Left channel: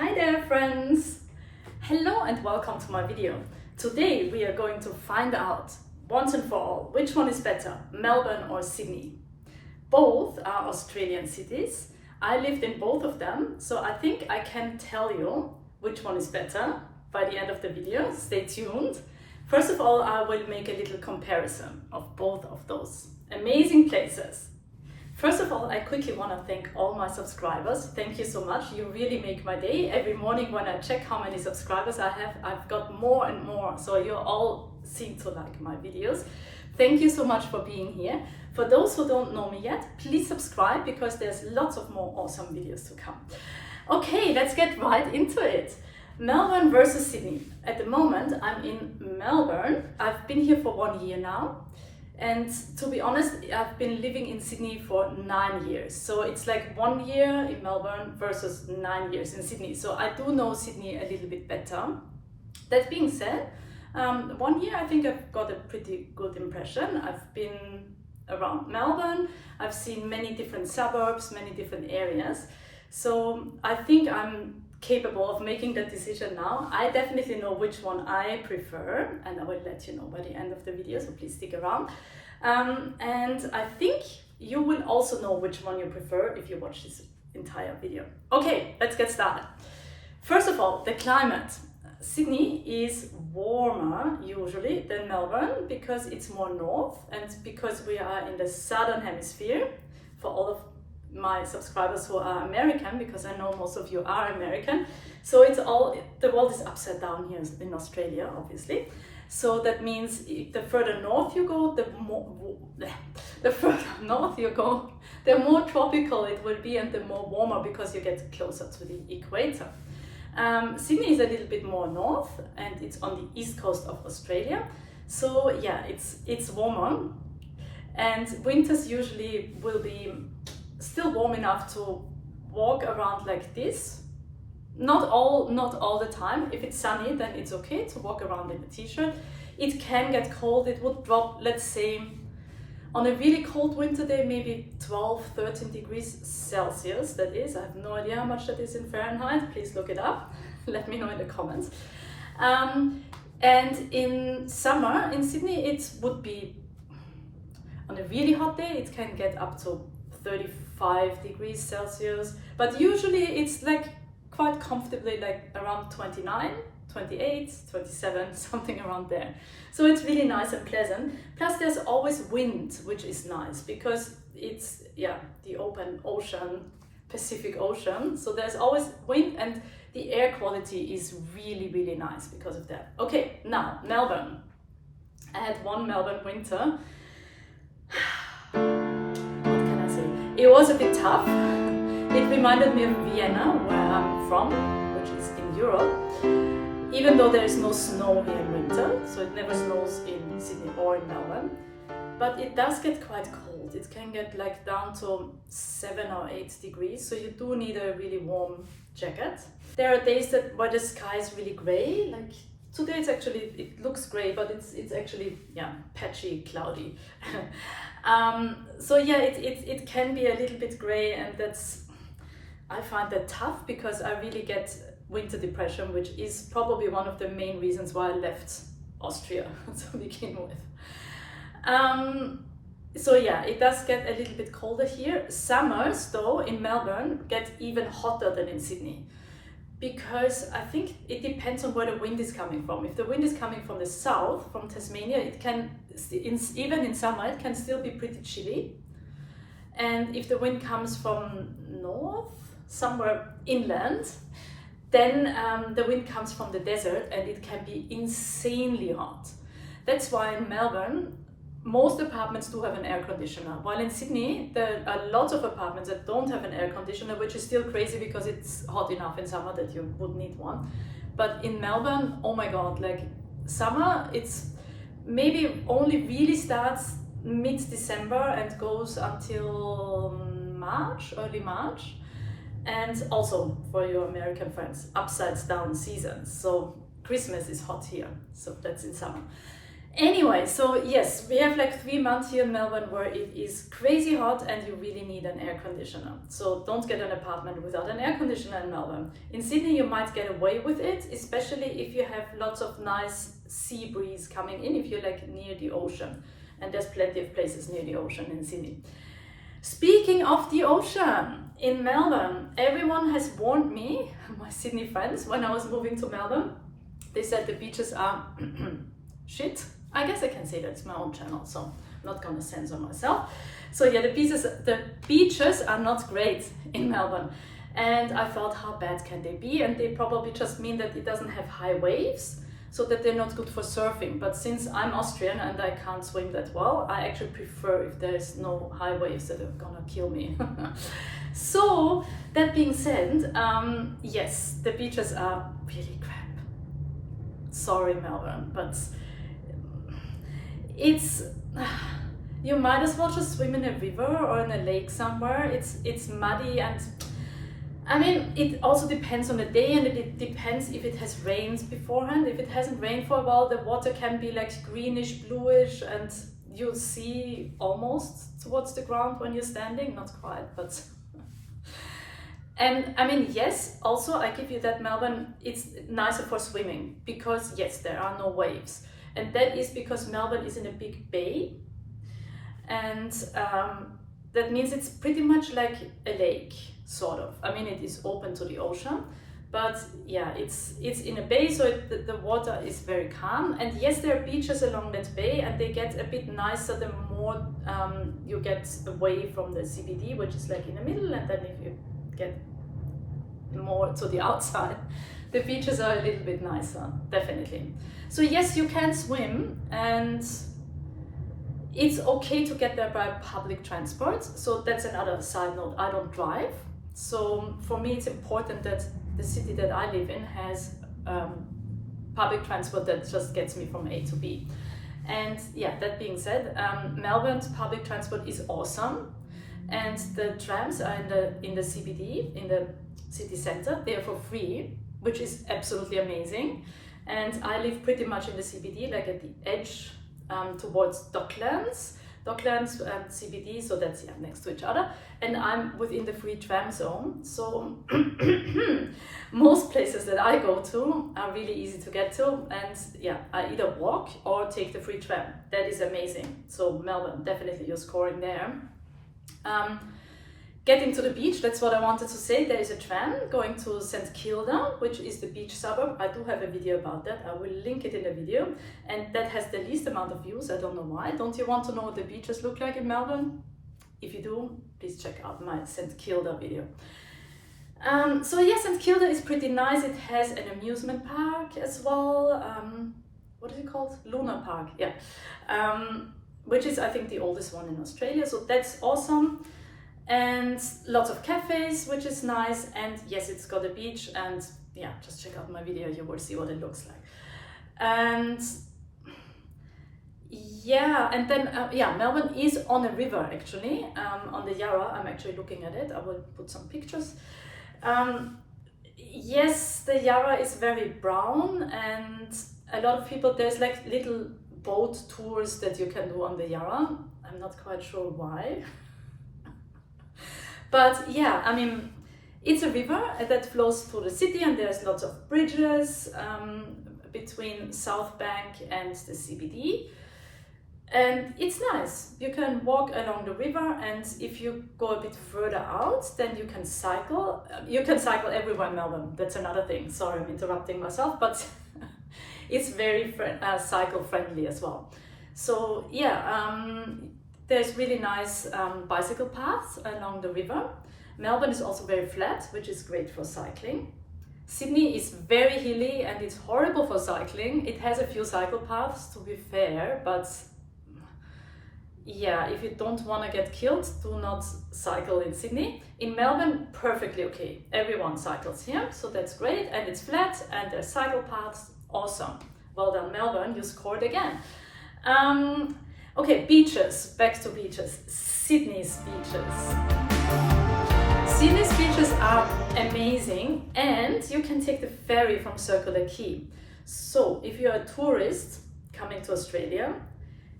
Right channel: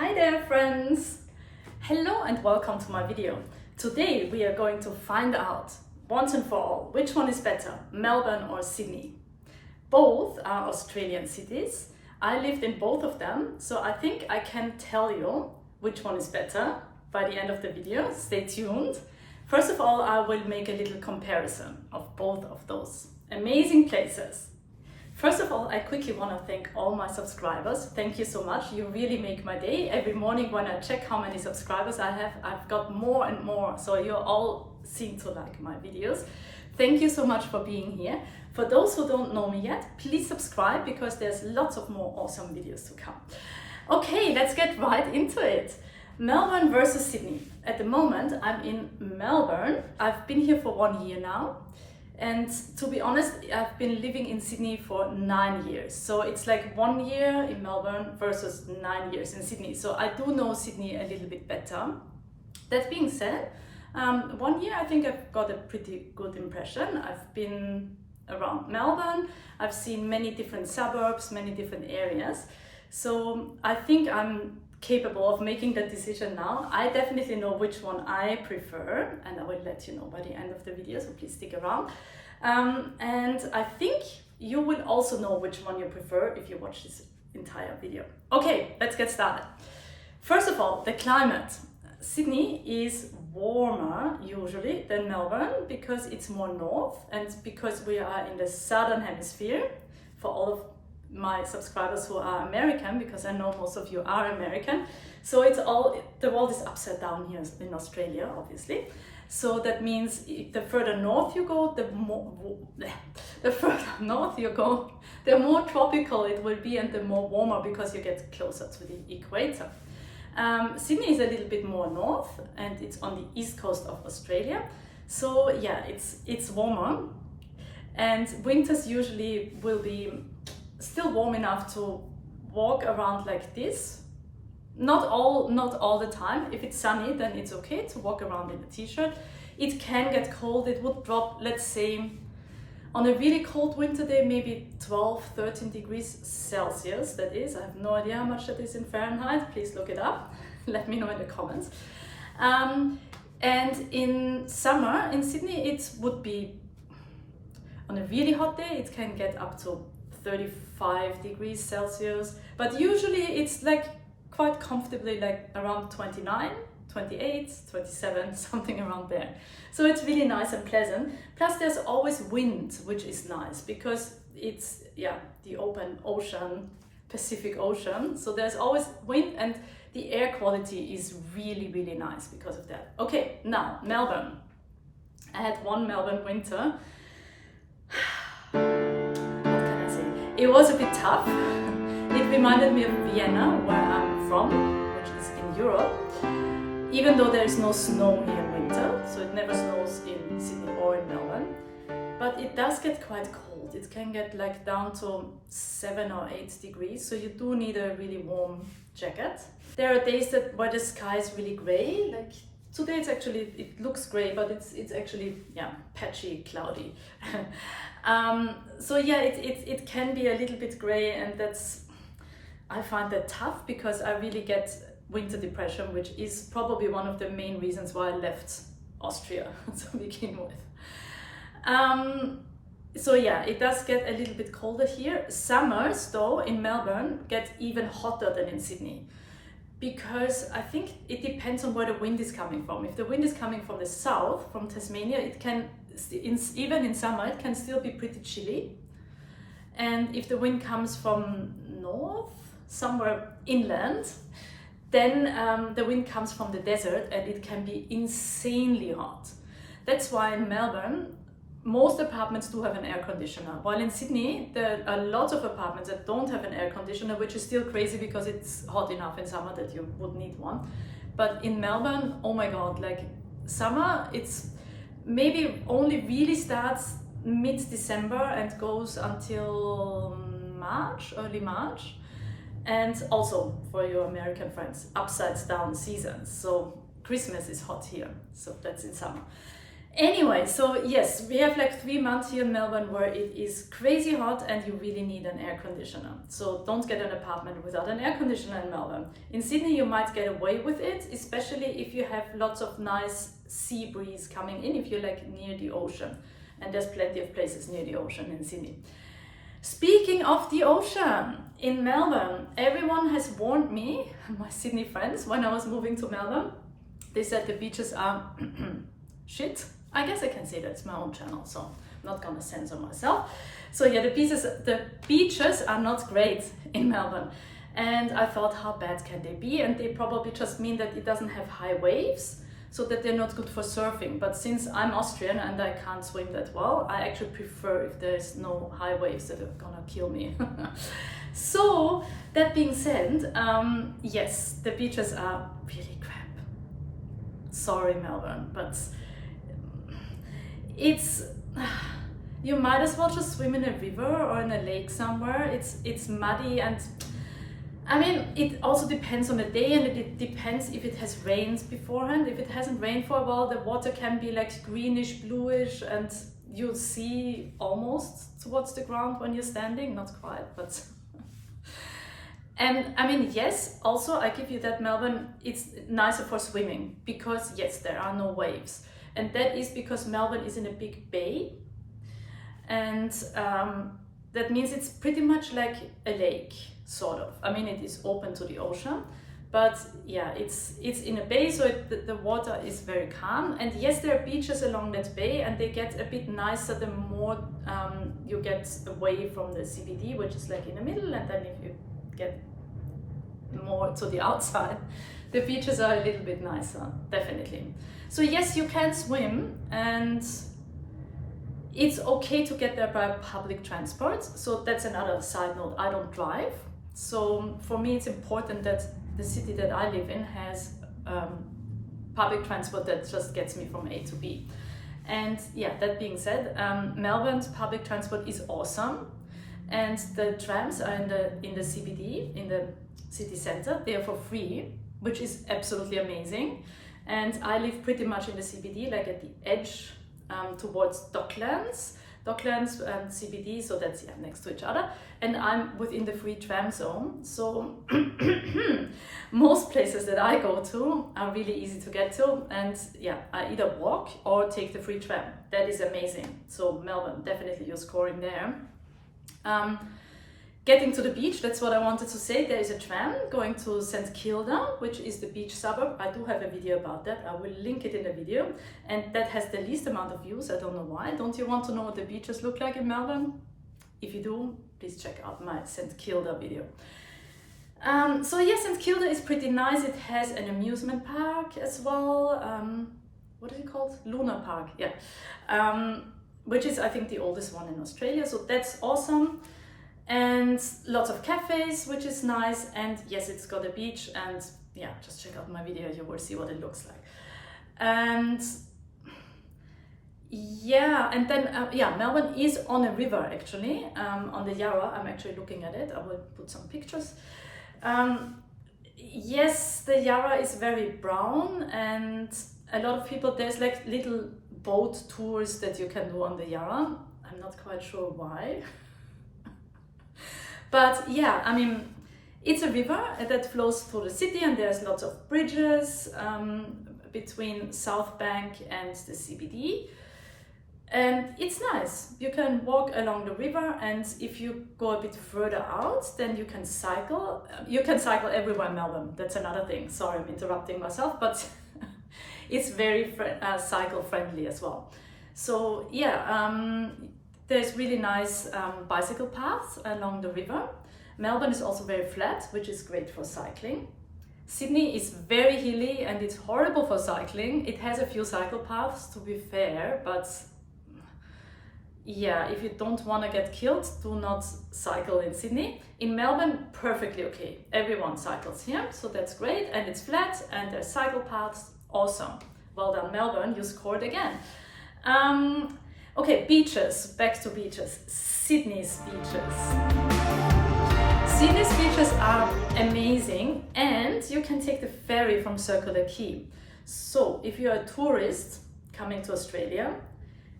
Hi there friends! Hello and welcome to my video. Today we are going to find out once and for all which one is better, Melbourne or Sydney. Both are Australian cities. I lived in both of them, so I think I can tell you which one is better by the end of the video. Stay tuned. First of all, I will make a little comparison of both of those amazing places. First of all, I quickly want to thank all my subscribers. Thank you so much. You really make my day. Every morning when I check how many subscribers I have, I've got more and more. So you all seem to like my videos. Thank you so much for being here. For those who don't know me yet, please subscribe because there's lots of more awesome videos to come. Okay, let's get right into it. Melbourne versus Sydney. At the moment, I'm in Melbourne. I've been here for 1 year now. And to be honest, I've been living in Sydney for 9 years. So it's like 1 year in Melbourne versus 9 years in Sydney. So I do know Sydney a little bit better. That being said, 1 year I think I've got a pretty good impression. I've been around Melbourne. I've seen many different suburbs, many different areas. So I think I'm capable of making that decision now. I definitely know which one I prefer, and I will let you know by the end of the video, so please stick around. And I think you will also know which one you prefer if you watch this entire video. Okay, let's get started. First of all, the climate. Sydney is warmer usually than Melbourne because it's more north and because we are in the southern hemisphere. For all of my subscribers who are American, because I know most of you are American, so it's all, the world is upside down here in Australia, obviously. So that means the further north you go, the more tropical it will be and the more warmer because you get closer to the equator. Sydney is a little bit more north and it's on the east coast of Australia. So yeah, it's warmer, and winters usually will be still warm enough to walk around like this. Not all the time. If it's sunny, then it's okay to walk around in a t-shirt. It can get cold. It would drop, let's say, on a really cold winter day, maybe 12, 13 degrees Celsius, that is. I have no idea how much that is in Fahrenheit. Please look it up. Let me know in the comments. And in summer in Sydney, it would be, on a really hot day, it can get up to 35 degrees Celsius, but usually it's like quite comfortably like around 29, 28, 27, something around there. So it's really nice and pleasant. Plus there's always wind, which is nice because it's, yeah, the open ocean, Pacific Ocean. So there's always wind and the air quality is really, really nice because of that. Okay, now Melbourne. I had one Melbourne winter. It was a bit tough. It reminded me of Vienna, where I'm from, which is in Europe. Even though there is no snow here in winter, so it never snows in Sydney or in Melbourne, but it does get quite cold. It can get like down to 7 or 8 degrees, so you do need a really warm jacket. There are days where the sky is really grey, like today it's actually, it looks grey, but it's actually, yeah, patchy, cloudy. So yeah, it can be a little bit grey, and I find that tough because I really get winter depression, which is probably one of the main reasons why I left Austria to begin with. So yeah, it does get a little bit colder here. Summers though in Melbourne get even hotter than in Sydney, because I think it depends on where the wind is coming from. If the wind is coming from the south, from Tasmania, it can, even in summer, it can still be pretty chilly. And if the wind comes from north, somewhere inland, then the wind comes from the desert and it can be insanely hot. That's why in Melbourne, most apartments do have an air conditioner. While in Sydney, there are lots of apartments that don't have an air conditioner, which is still crazy because it's hot enough in summer that you would need one. But in Melbourne, oh my God, like summer, it's maybe only really starts mid-December and goes until March, early March. And also for your American friends, upsides down seasons. So Christmas is hot here, so that's in summer. Anyway, so yes, we have like 3 months here in Melbourne where it is crazy hot and you really need an air conditioner. So don't get an apartment without an air conditioner in Melbourne. In Sydney you might get away with it, especially if you have lots of nice sea breeze coming in, if you're like near the ocean. And there's plenty of places near the ocean in Sydney. Speaking of the ocean, in Melbourne, everyone has warned me, my Sydney friends, when I was moving to Melbourne, they said the beaches are shit. I guess I can say that, it's my own channel, so I'm not gonna censor myself. So yeah, the beaches are not great in Melbourne. And I thought, how bad can they be? And they probably just mean that it doesn't have high waves, so that they're not good for surfing. But since I'm Austrian and I can't swim that well, I actually prefer if there's no high waves that are gonna kill me. So that being said, yes, the beaches are really crap. Sorry, Melbourne, but it's, you might as well just swim in a river or in a lake somewhere. It's muddy, and I mean, it also depends on the day, and it depends if it has rained beforehand. If it hasn't rained for a while, the water can be like greenish, bluish, and you'll see almost towards the ground when you're standing, not quite, but and I mean, yes, also I give you that Melbourne, it's nicer for swimming because yes, there are no waves. And that is because Melbourne is in a big bay, and that means it's pretty much like a lake, sort of. I mean, it is open to the ocean, but yeah, it's in a bay, so the water is very calm. And yes, there are beaches along that bay, and they get a bit nicer the more you get away from the CBD, which is like in the middle, and then if you get more to the outside, the beaches are a little bit nicer, definitely. So yes, you can swim, and it's okay to get there by public transport. So that's another side note, I don't drive. So for me, it's important that the city that I live in has public transport that just gets me from A to B. And yeah, that being said, Melbourne's public transport is awesome. And the trams are in the CBD, in the city center, they are for free, which is absolutely amazing. And I live pretty much in the CBD, like at the edge towards Docklands and CBD, so that's yeah, next to each other. And I'm within the free tram zone, so most places that I go to are really easy to get to. And yeah, I either walk or take the free tram. That is amazing. So Melbourne, definitely you're scoring there. Getting to the beach, that's what I wanted to say. There is a tram going to St Kilda, which is the beach suburb. I do have a video about that. I will link it in the video. And that has the least amount of views. I don't know why. Don't you want to know what the beaches look like in Melbourne? If you do, please check out my St Kilda video. So yeah, St Kilda is pretty nice. It has an amusement park as well. What is it called? Luna Park, yeah. Which is, I think, the oldest one in Australia. So that's awesome. And lots of cafes, which is nice. And yes, it's got a beach, and yeah, just check out my video, you will see what it looks like. And yeah, and then yeah, Melbourne is on a river actually, on the Yarra. I'm actually looking at it. I will put some pictures. Yes, the Yarra is very brown, and a lot of people, there's like little boat tours that you can do on the Yarra. I'm not quite sure why. But yeah, I mean, it's a river that flows through the city, and there's lots of bridges between South Bank and the CBD. And it's nice. You can walk along the river, and if you go a bit further out, then you can cycle. You can cycle everywhere in Melbourne. That's another thing. Sorry, I'm interrupting myself, but it's very cycle friendly as well. So yeah, there's really nice bicycle paths along the river. Melbourne is also very flat, which is great for cycling. Sydney is very hilly, and it's horrible for cycling. It has a few cycle paths, to be fair, but yeah, if you don't want to get killed, do not cycle in Sydney. In Melbourne, perfectly okay. Everyone cycles here, so that's great, and it's flat, and there's cycle paths. Awesome. Well done, Melbourne, you scored again. Okay, beaches, back to beaches. Sydney's beaches. Sydney's beaches are amazing, and you can take the ferry from Circular Quay. So if you're a tourist coming to Australia,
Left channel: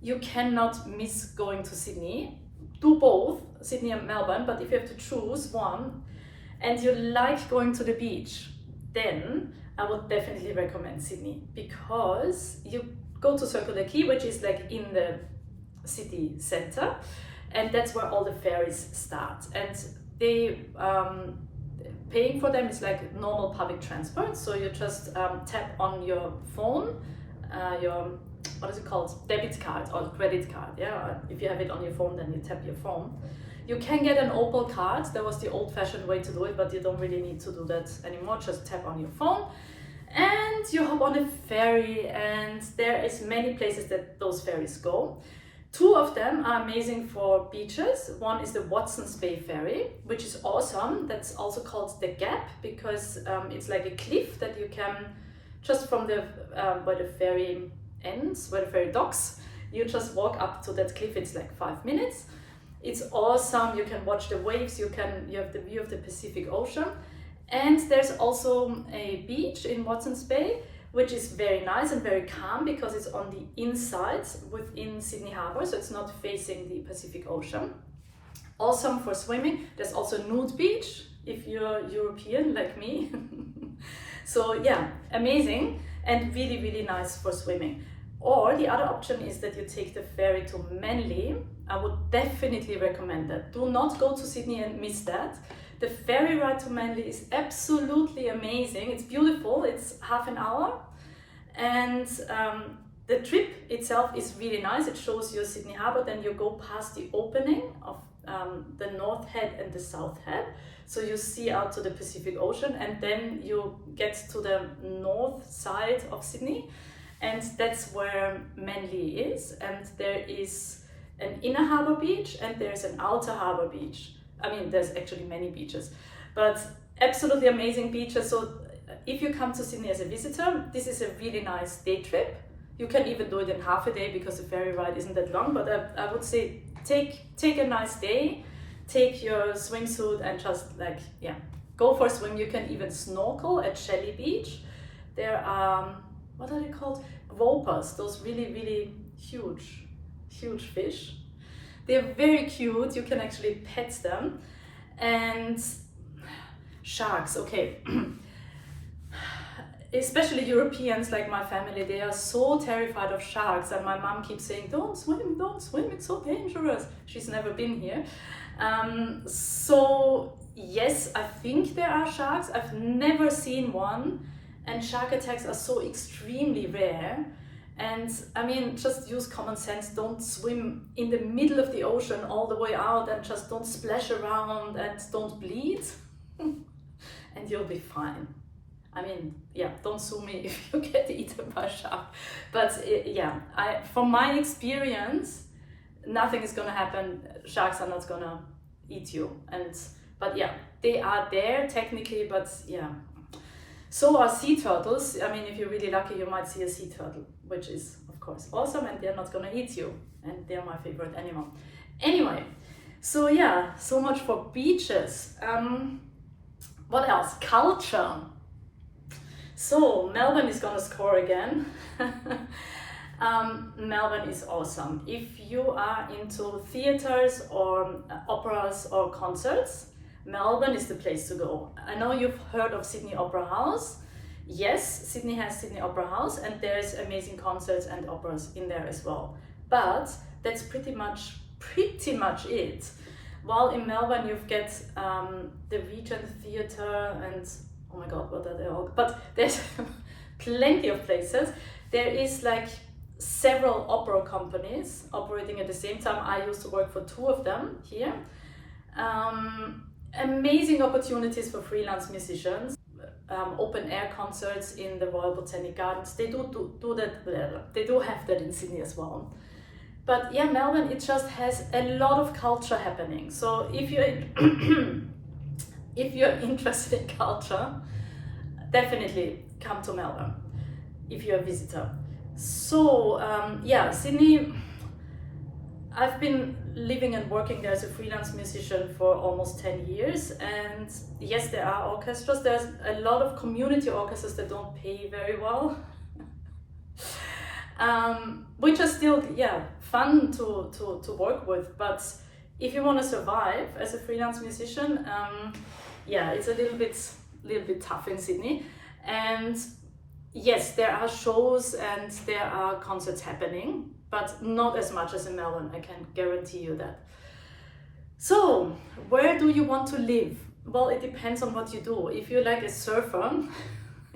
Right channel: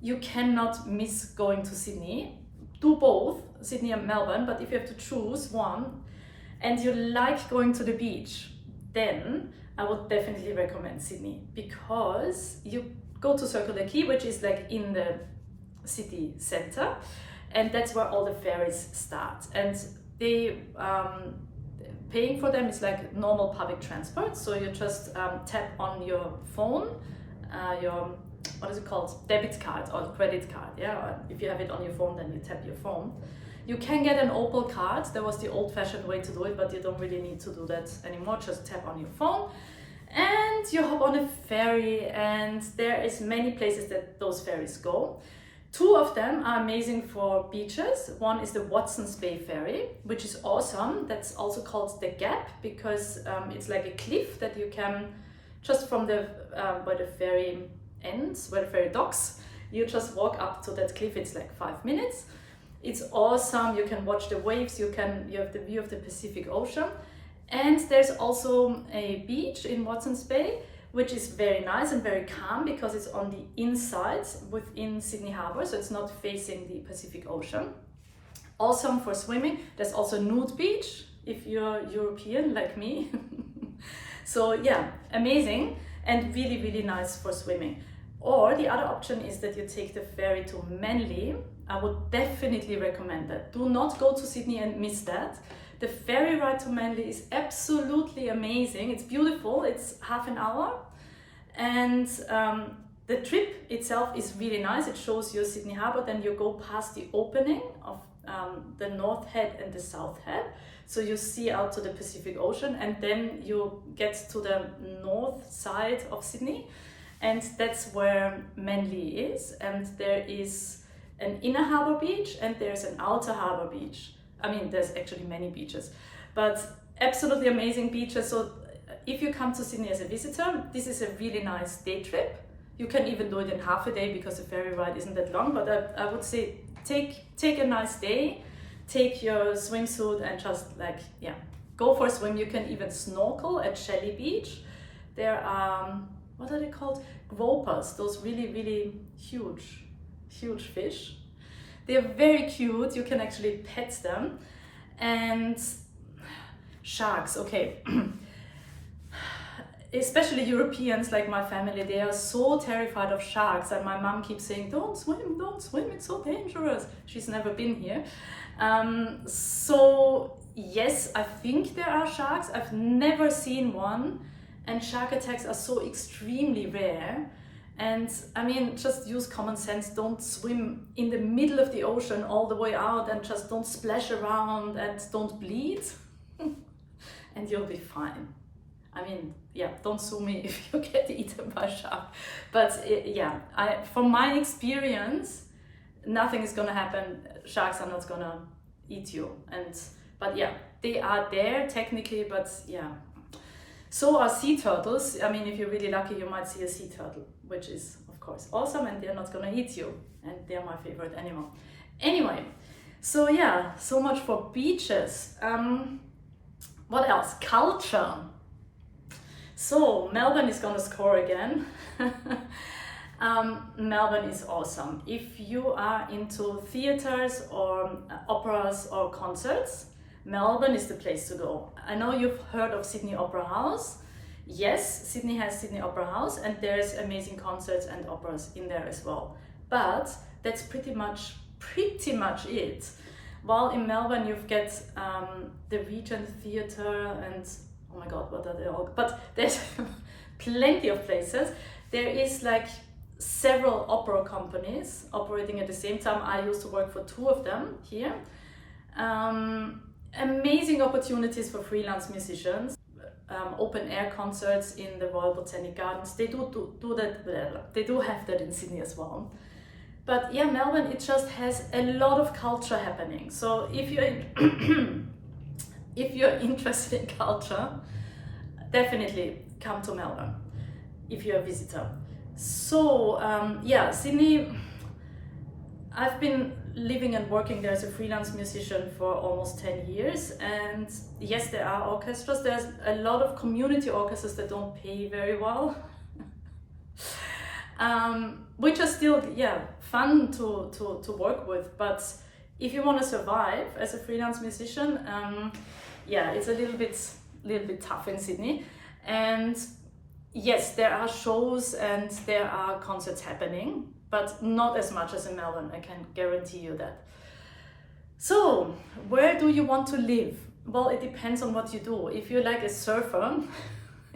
you cannot miss going to Sydney. Do both, Sydney and Melbourne, but if you have to choose one and you like going to the beach, then I would definitely recommend Sydney, because you go to Circular Quay, which is like in the city center, and that's where all the ferries start. And they paying for them is like normal public transport, so you just tap on your phone, your, what is it called, debit card or credit card, yeah, if you have it on your phone, then you tap your phone. You can get an Opal card. That was the old-fashioned way to do it, but you don't really need to do that anymore. Just tap on your phone and you hop on a ferry, and there is many places that those ferries go. Two of them are amazing for beaches. One is the Watson's Bay ferry, which is awesome. That's also called the Gap, because it's like a cliff that you can, just from the where the ferry ends, where the ferry docks, you just walk up to that cliff. It's like 5 minutes. It's awesome. You can watch the waves. You have the view of the Pacific Ocean. And there's also a beach in Watson's Bay, which is very nice and very calm, because it's on the inside within Sydney Harbour, so it's not facing the Pacific Ocean. Awesome for swimming. There's also nude beach if you're European like me. So yeah, amazing and really, really nice for swimming. Or the other option is that you take the ferry to Manly. I would definitely recommend that. Do not go to Sydney and miss that. The ferry ride to Manly is absolutely amazing. It's beautiful. It's half an hour. And the trip itself is really nice. It shows you Sydney Harbour. Then you go past the opening of the North Head and the South Head. So you see out to the Pacific Ocean, and then you get to the north side of Sydney. And that's where Manly is. And there is an inner harbour beach and there's an outer harbour beach. I mean, there's actually many beaches, but absolutely amazing beaches. So if you come to Sydney as a visitor, this is a really nice day trip. You can even do it in half a day, because the ferry ride isn't that long, but I would say take a nice day, take your swimsuit and just like, yeah, go for a swim. You can even snorkel at Shelley Beach. There are, what are they called? Gropers, those really, really huge fish. They're very cute. You can actually pet them. And sharks, okay. Especially Europeans like my family, they are so terrified of sharks, and my mom keeps saying, don't swim, it's so dangerous. She's never been here. So yes, I think there are sharks. I've never seen one, and shark attacks are so extremely rare. And I mean, just use common sense. Don't swim in the middle of the ocean all the way out, and just don't splash around and don't bleed and you'll be fine. I mean, yeah, don't sue me if you get eaten by a shark. But yeah, from my experience, nothing is gonna happen. Sharks are not gonna eat you. But yeah, they are there technically, but yeah. So are sea turtles. I mean, if you're really lucky, you might see a sea turtle, which is of course awesome, and they're not gonna eat you, and they're my favorite animal. Anyway, so yeah, so much for beaches. What else? Culture. So Melbourne is gonna score again. Melbourne is awesome. If you are into theaters or operas or concerts, Melbourne is the place to go. I know you've heard of Sydney Opera House. Yes, Sydney has Sydney Opera House, and there's amazing concerts and operas in there as well. But that's pretty much it. While in Melbourne you've got the Regent Theatre and oh my god, what are they all? But there's plenty of places. There is like several opera companies operating at the same time. I used to work for 2 of them here. Amazing opportunities for freelance musicians. Open air concerts in the Royal Botanic Gardens. They do that. They do have that in Sydney as well. But yeah, Melbourne, it just has a lot of culture happening. So if you're if you're interested in culture, definitely come to Melbourne if you're a visitor. So yeah, Sydney, I've been living and working there as a freelance musician for almost 10 years, and yes, there are orchestras. There's a lot of community orchestras that don't pay very well. which are still, yeah, fun to work with. But if you want to survive as a freelance musician, yeah, it's a little bit tough in Sydney. And yes, there are shows and there are concerts happening, but not as much as in Melbourne, I can guarantee you that. So, where do you want to live? Well, it depends on what you do. If you're like a surfer,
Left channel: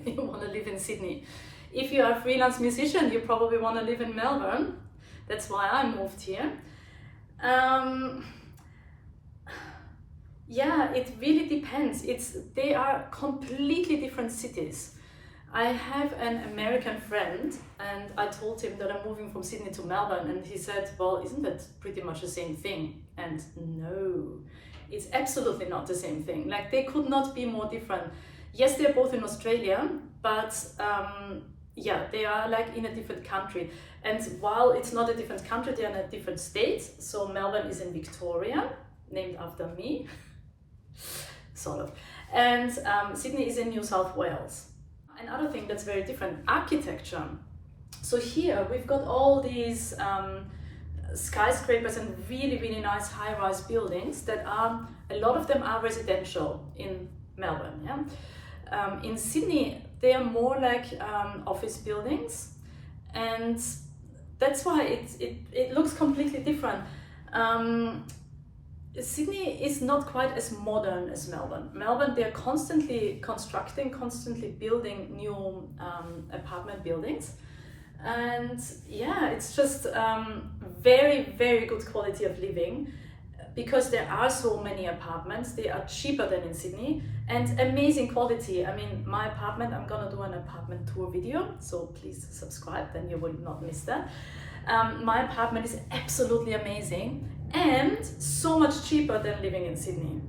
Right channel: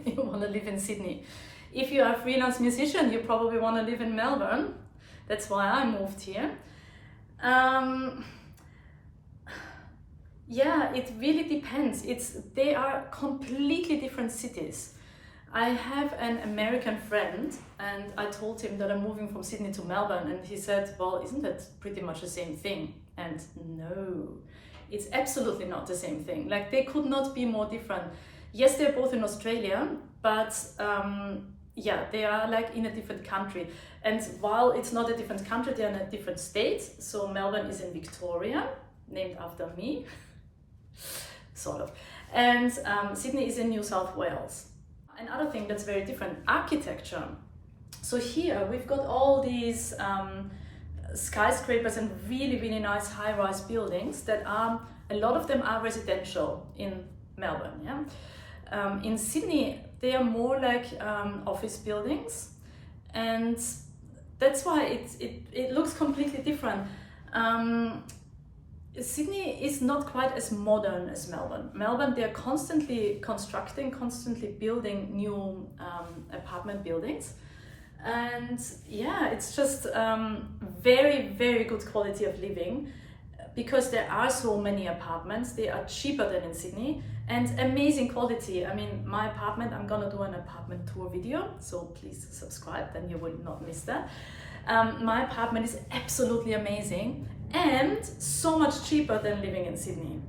you want to live in Sydney. If you're a freelance musician, you probably want to live in Melbourne. That's why I moved here. Yeah, it really depends. They are completely different cities. I have an American friend and I told him that I'm moving from Sydney to Melbourne, and he said, well, isn't that pretty much the same thing? And no, it's absolutely not the same thing. Like, they could not be more different. Yes, they're both in Australia, but yeah, they are like in a different country. And while it's not a different country, they're in a different state. So Melbourne is in Victoria, named after me, sort of. And Sydney is in New South Wales. Another thing that's very different, architecture. So here we've got all these skyscrapers and really, really nice high-rise buildings that are, a lot of them are residential in Melbourne, yeah. In Sydney, they are more like office buildings, and that's why it looks completely different. Sydney is not quite as modern as Melbourne. Melbourne, they're constantly constructing, constantly building new apartment buildings. And yeah, it's just very, very good quality of living, because there are so many apartments. They are cheaper than in Sydney and amazing quality. I mean, my apartment, I'm gonna do an apartment tour video, so please subscribe, then you will not miss that. My apartment is absolutely amazing and so much cheaper than living in Sydney.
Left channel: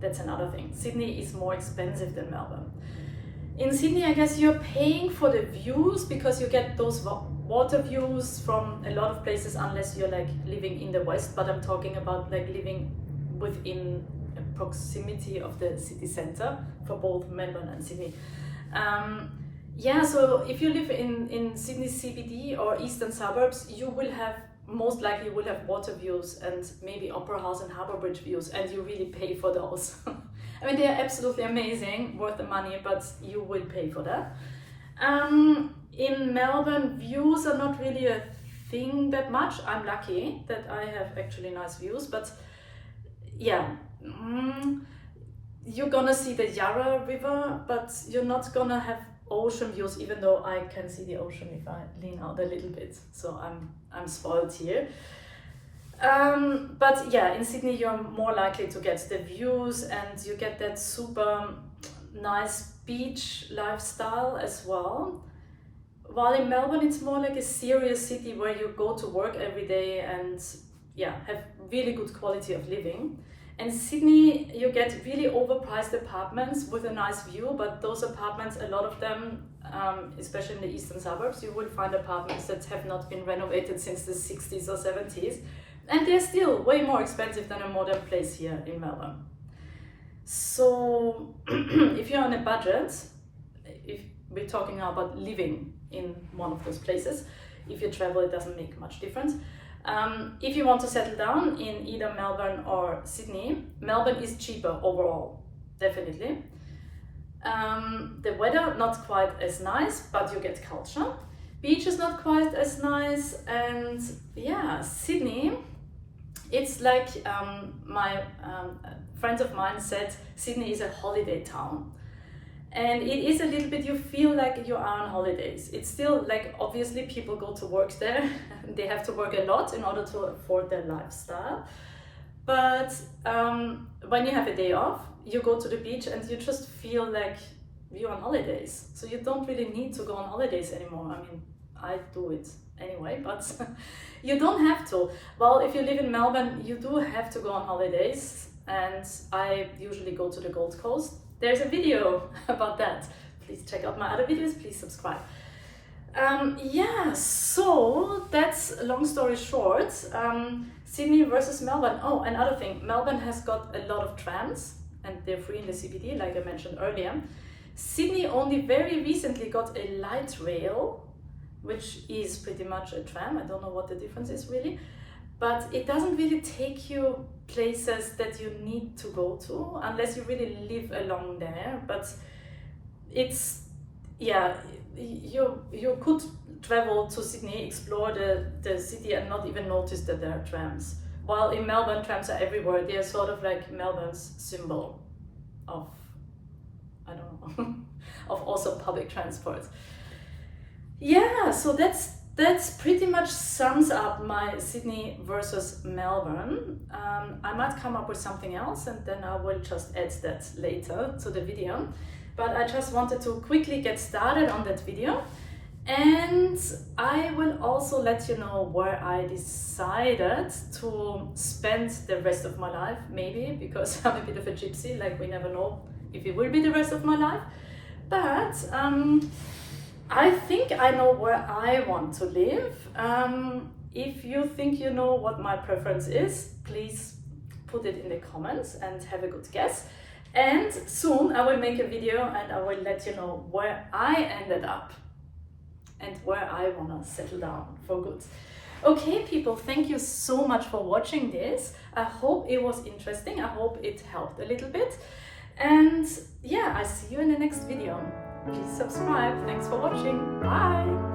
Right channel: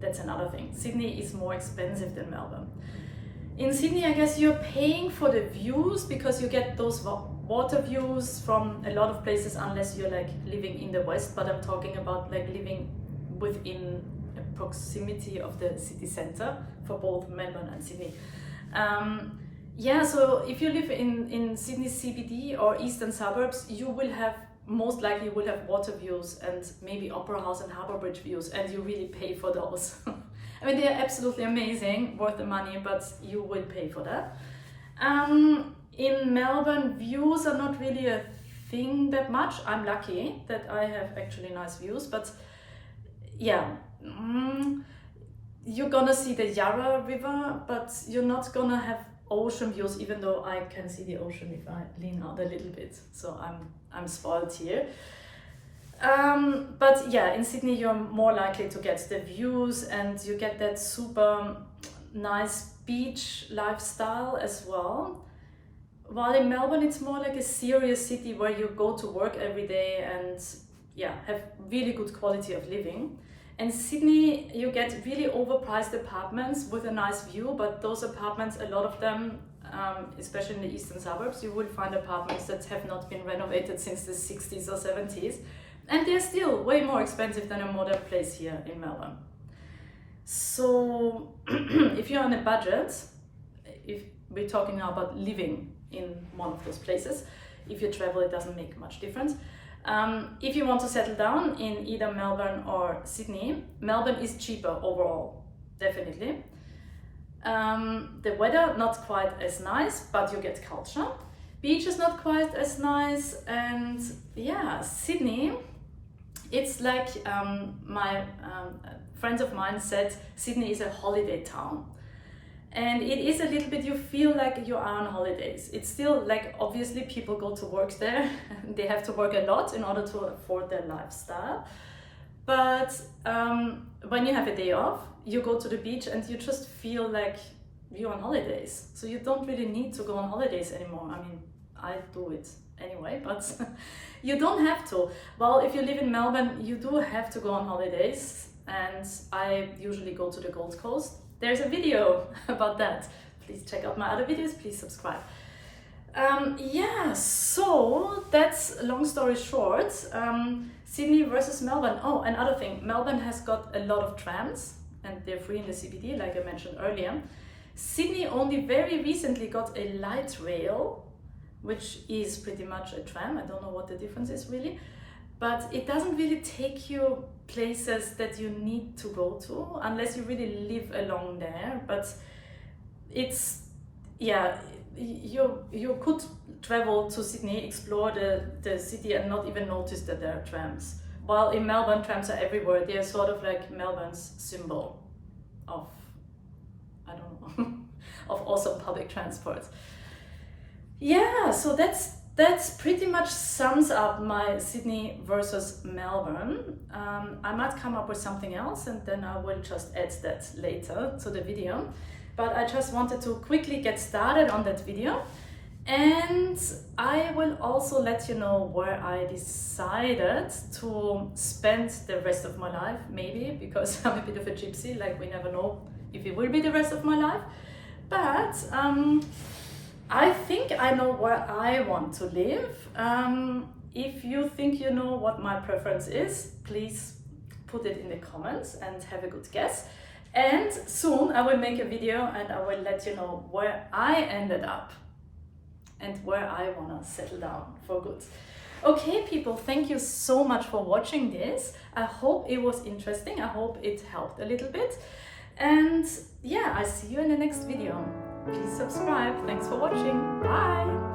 That's another thing. Sydney is more expensive than Melbourne. In Sydney, I guess you're paying for the views, because you get those water views from a lot of places, unless you're like living in the west, but I'm talking about like living within proximity of the city center for both Melbourne and Sydney. Yeah, so if you live in Sydney CBD or eastern suburbs, you will have, most likely you will have water views and maybe Opera House and Harbour Bridge views, and you really pay for those. I mean, they are absolutely amazing, worth the money, but you will pay for that. In Melbourne, views are not really a thing that much. I'm lucky that I have actually nice views, but yeah, you're gonna see the Yarra River, but you're not gonna have ocean views, even though I can see the ocean if I lean out a little bit. So I'm spoiled here. But yeah, in Sydney you're more likely to get the views, and you get that super nice beach lifestyle as well. While in Melbourne it's more like a serious city where you go to work every day and yeah, have really good quality of living. And Sydney, you get really overpriced apartments with a nice view, but those apartments, a lot of them, especially in the eastern suburbs, you will find apartments that have not been renovated since the 60s or 70s, and they're still way more expensive than a modern place here in Melbourne. So if you're on a budget, if we're talking now about living in one of those places, if you travel, it doesn't make much difference. If you want to settle down in either Melbourne or Sydney, Melbourne is cheaper overall, definitely. The weather, not quite as nice, but you get culture. Beach is not quite as nice, and yeah, Sydney, it's like friends of mine said, Sydney is a holiday town. And it is a little bit, you feel like you are on holidays. It's still like, obviously people go to work there. They have to work a lot in order to afford their lifestyle. But when you have a day off, you go to the beach and you just feel like you're on holidays. So you don't really need to go on holidays anymore. I mean, I do it anyway, but you don't have to. Well, if you live in Melbourne, you do have to go on holidays. And I usually go to the Gold Coast. There's a video about that. Please check out my other videos, please subscribe. Yeah, so that's, long story short, Sydney versus Melbourne. Oh, another thing, Melbourne has got a lot of trams and they're free in the CBD, like I mentioned earlier. Sydney only very recently got a light rail, which is pretty much a tram. I don't know what the difference is really, but it doesn't really take you places that you need to go to unless you really live along there. But it's, yeah, you could travel to Sydney, explore the city and not even notice that there are trams. While in Melbourne, trams are everywhere. They are sort of like Melbourne's symbol of, I don't know, of awesome public transport. Yeah, so that's pretty much sums up my Sydney versus Melbourne. I might come up with something else and then I will just add that later to the video. But I just wanted to quickly get started on that video. And I will also let you know where I decided to spend the rest of my life, maybe, because I'm a bit of a gypsy, like we never know if it will be the rest of my life. But I think I know where I want to live. If you think you know what my preference is, please put it in the comments and have a good guess. And soon I will make a video and I will let you know where I ended up and where I wanna settle down for good. Okay, people, thank you so much for watching this. I hope it was interesting. I hope it helped a little bit. And yeah, I see you in the next video. Please subscribe. Thanks for watching. Bye.